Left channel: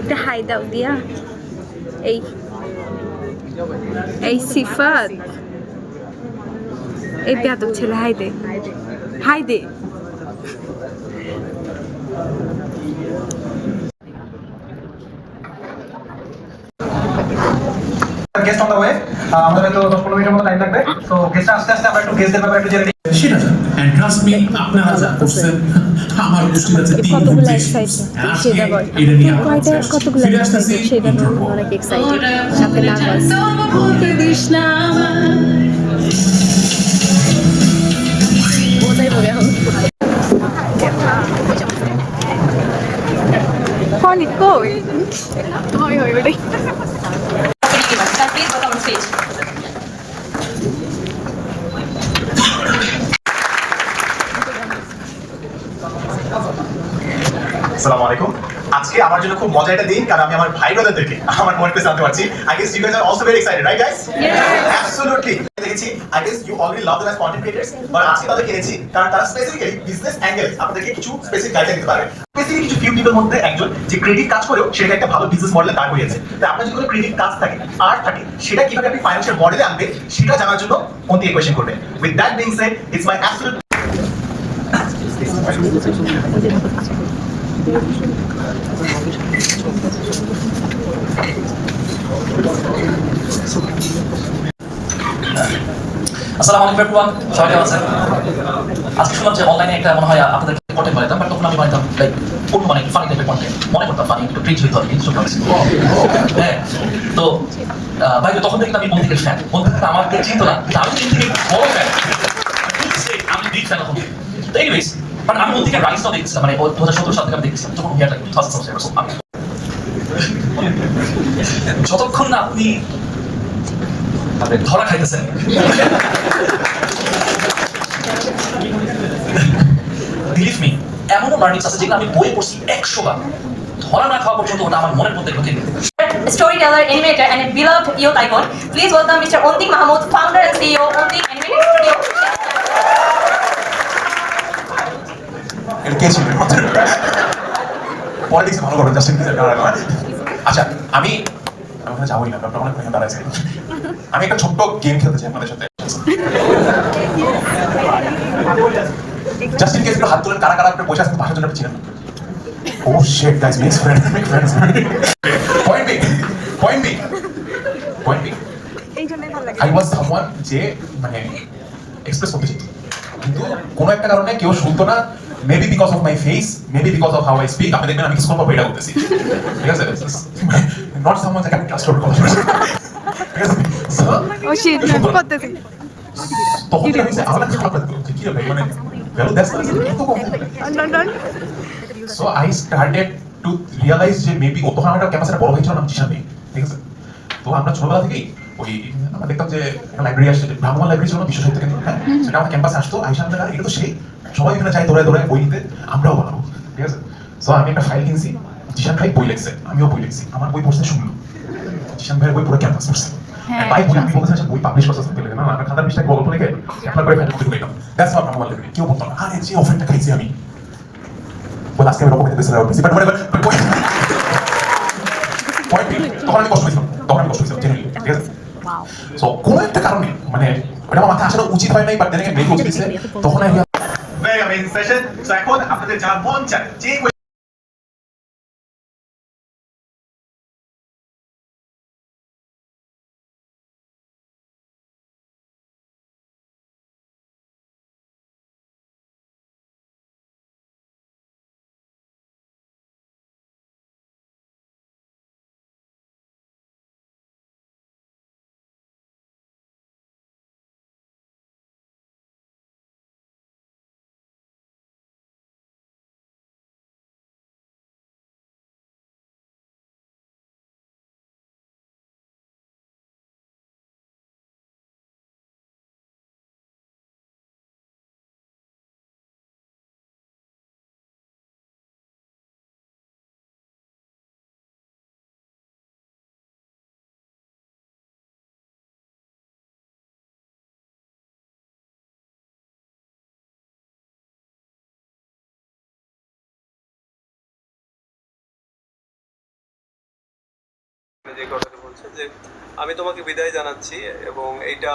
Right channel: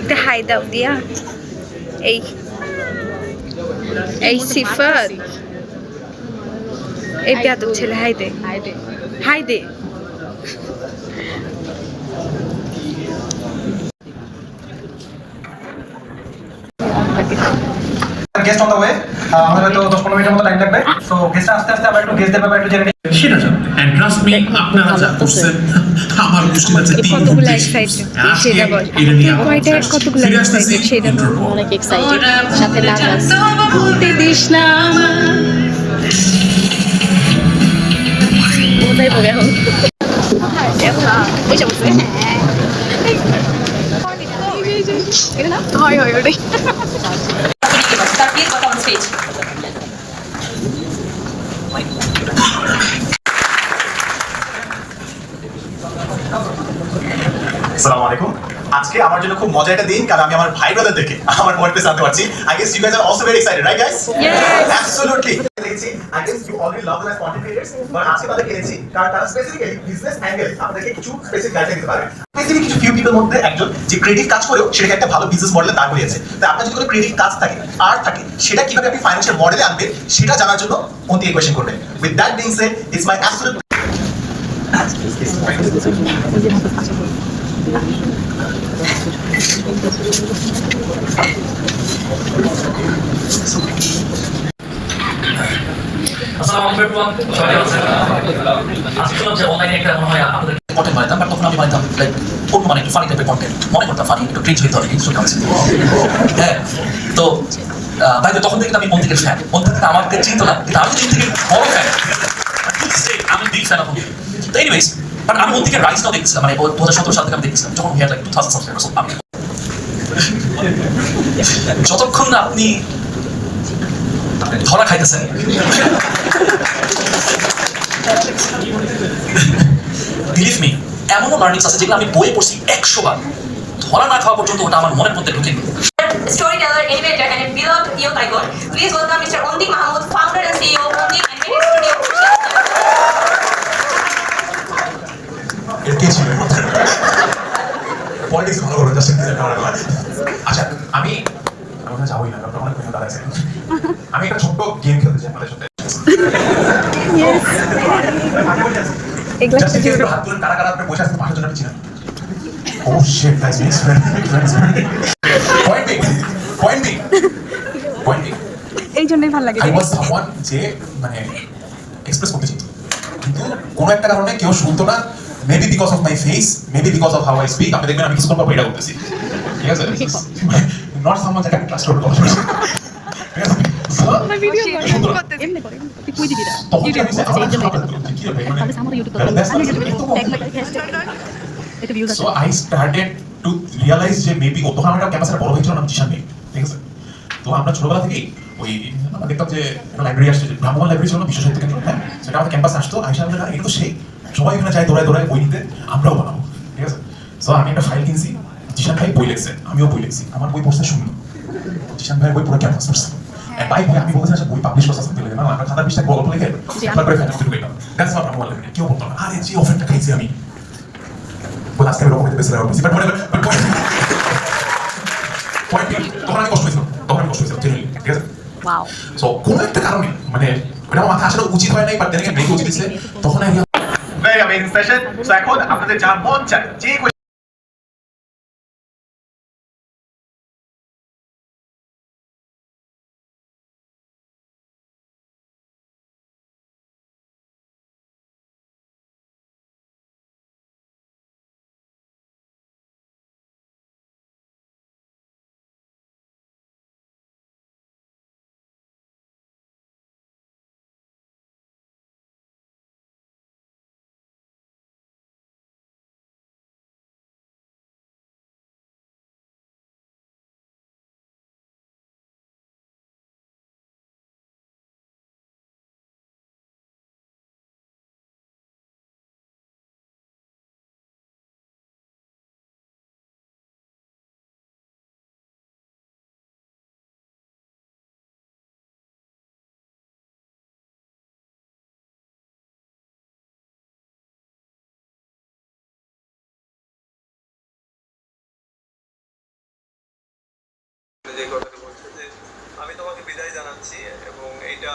একটা হাই দাও দিয়া। এই এই সিফাত, এই বেয়াদব ছেলে, হাই দে, হাই দে। গেস্ট অন দ্য ওয়ে, আমাদের হয়তো 10-15 মিনিটের মতো টাইম লাগবে। সো গেস্টরা আস্তে আস্তে আমরা একটু গেস্টদের ব্যাপারে একটু জেনে নিই। সেটা জান এন্ড ট্রাস্ট মি আপনারা যা করছেন আমার গোষ্ঠীর কাছে কতগুলো এক্সাইটেড সেটা বল। তুই কয়টা কতগুলো এক্সাইটেড সেটা বল। অনেক এক্সাইটেড, সাথে নার্ভাস। বলতে দিস না কোথায় পাবে এখন? হয় হয় ওটাই। আসসালামু আলাইকুম। আজকে আমার জন্য খুব মজার একটা দিন, কারণ আমি আমার ভাই ব্রাদারদেরকে আমার ওয়ার্কপ্লেসে আনতে পারছি। I guess you guys are also very excited, right guys? Absolutely. দেখেছি I guess you already love the content creators, but আজকে তাদের কিনেছি কারণ তারা স্পেসিফিক্যালি বিজনেস অ্যাঙ্গেল আপনাদেরকে কিছু স্পেসিফিক গাইডলাইন দিতে পারবে। স্পেসিফিক কিছু ফিউ পিপল মধ্যে একজন যে ক্রিয়েটিভ কাজ করেও সেটাকে একটা ভালো বিজনেস মডেলে দাঁড় করিয়েছে। তাই আপনার যদি কোনো ক্রিয়েটিভ কাজ থাকে, আর্ট থাকে, সেটা কিভাবে আপনি ফাইন্যান্সিয়াল মডেলে আনবে সেটা জানার জন্য অন্তি কোয়েশ্চেন করবেন। With that being shed, it's my absolute আসসালামু আলাইকুম এভরিওয়ান, সবাই কেমন আছেন? আজকে শুনলাম যে অনলাইনে একটা মনে হয় আপনাদের কন্টেন্ট বানাইতাম, বাট তখন আমি বানাইতাম লাইক অন্য মানে একটু ফানি টাইপের কন্টেন্ট মনে করতাম, ফানি একটু ক্রিঞ্জ হইতে হবে কিন্তু চলে আসছে। হ্যাঁ, তো ভাই তখন থেকে আমি অন্তিকের ফ্যান। অন্তিক আমাকে চিনতো না, কিন্তু আমি অন্তিকের বড় ফ্যান। আমি বিগ ফ্যান অফ অন্তিক। তো এনিওয়েজ, বাট আমি অন্তিকের রাইজটাও দেখছিলাম, মানে 2017 সাল থেকে আমি দেখছিলাম যখন হিয়ার লাইক 2000 সাবস্ক্রাইবার্স। আমি যতক্ষণ না আপনি ধরা খাইতেছেন, বিলিভ মি, এমনও লার্নিংস আছে যেগুলো আমি বইয়ে পড়ছি 100 বার, ধরা না খাওয়া পর্যন্ত ওটা আমার মনের মধ্যে ঢুকে নি। Storyteller, innovator, and a beloved youth icon. Please welcome Mr. Ontik Mahmood, founder and CEO of Ontik Animated Studio. কে ছিল পলিটিক্স ভালো করে যাচ্ছেন। আচ্ছা, আমি ওখানে যাবোই না, ডক্টর অনেক কিছু দাঁড়াইছে। আমি একটা ছোট্ট গেম খেলতে চাই আপনাদের সাথে। জাস্ট ইন কেস হাত তুলে কারা কারা আপনি বসে আছেন পাশের জন্য চিনেন। Oh shit, that's mix friend. Point B এই জন্যই ভালো লাগে। আই ওয়াজ সামওয়ান যে মানে এক্সপ্রেস করতে চাইতো, কিন্তু কোনো একটা কারণে কেউ শুনতো না। Maybe because of my face, maybe because of how I speak. আপনি দেখবেন আমি কিছুক্ষণ পর এটা করতেছি, ঠিক আছে? নট সামওয়ান যাকে আমি ট্রাস্ট করতে কথা বলছি, ঠিক আছে? তখন কি আমি আমার খারাপ লাগতো যে কি হবে, মানে ভ্যালু দ্যাটস কিন্তু so I started to realise যে মেবি ও তখন একটা ক্যাম্পাসের বড় ভাই ছিল, নাম জিশান নেই, ঠিক আছে? তো আমরা ছোটবেলা থেকেই ওই আমরা দেখতাম যে একটা লাইব্রেরি আসছে, ভ্রাম্যমান লাইব্রেরি ছিল, বিশ্ব সাহিত্য কেন্দ্র। হ্যাঁ, সেটা আমাদের ক্যাম্পাসে আসতো। আইসা আমাদের এটা তো সেই সবাই এখানে যায় দৌড়ায় দৌড়ায় বই নিতে, আমরাও বানাবো, ঠিক আছে? সো আমি একটা ফাইল কিনছি, জিশান ভাই বই লিখছে, আমিও বই লিখছি, আমার বই পড়তে শুনলো, জিশান ভাইয়ের বই পুরো ক্যাম্পাস পড়ছে। ভাই বলে আমি বলতেছি বই পাবলিশ করতে আসতে না, আমরা খাতা পৃষ্ঠা গল্প লিখে একবার করে ফেলে ঢুকে গেলাম। দ্যাটস হাউ ভ্রাম্যমান লাইব্রেরি। কেউ পড়তো না, আরে যে অফারটা খাইছি আমি বলে আজকে আমি রকম খেতে বেঁচে রাখছি। বাট পয়েন্ট তখন আমি কষ্ট হয়েছিলাম, জেনুইনলি, ঠিক আছে? ওয়াও। সো কোনো একটা কারণে মানে ওটা আমার মাথায় আসাটা উচিত হয় নাই, বাট দেন মেয়েকে উচিত দিচ্ছে তখন। Very amazing session. সো এখন আপনাদের যা মন চায় যে যে কথাটা বলছে যে আমি তোমাকে বিদায় জানাচ্ছি এবং এইটা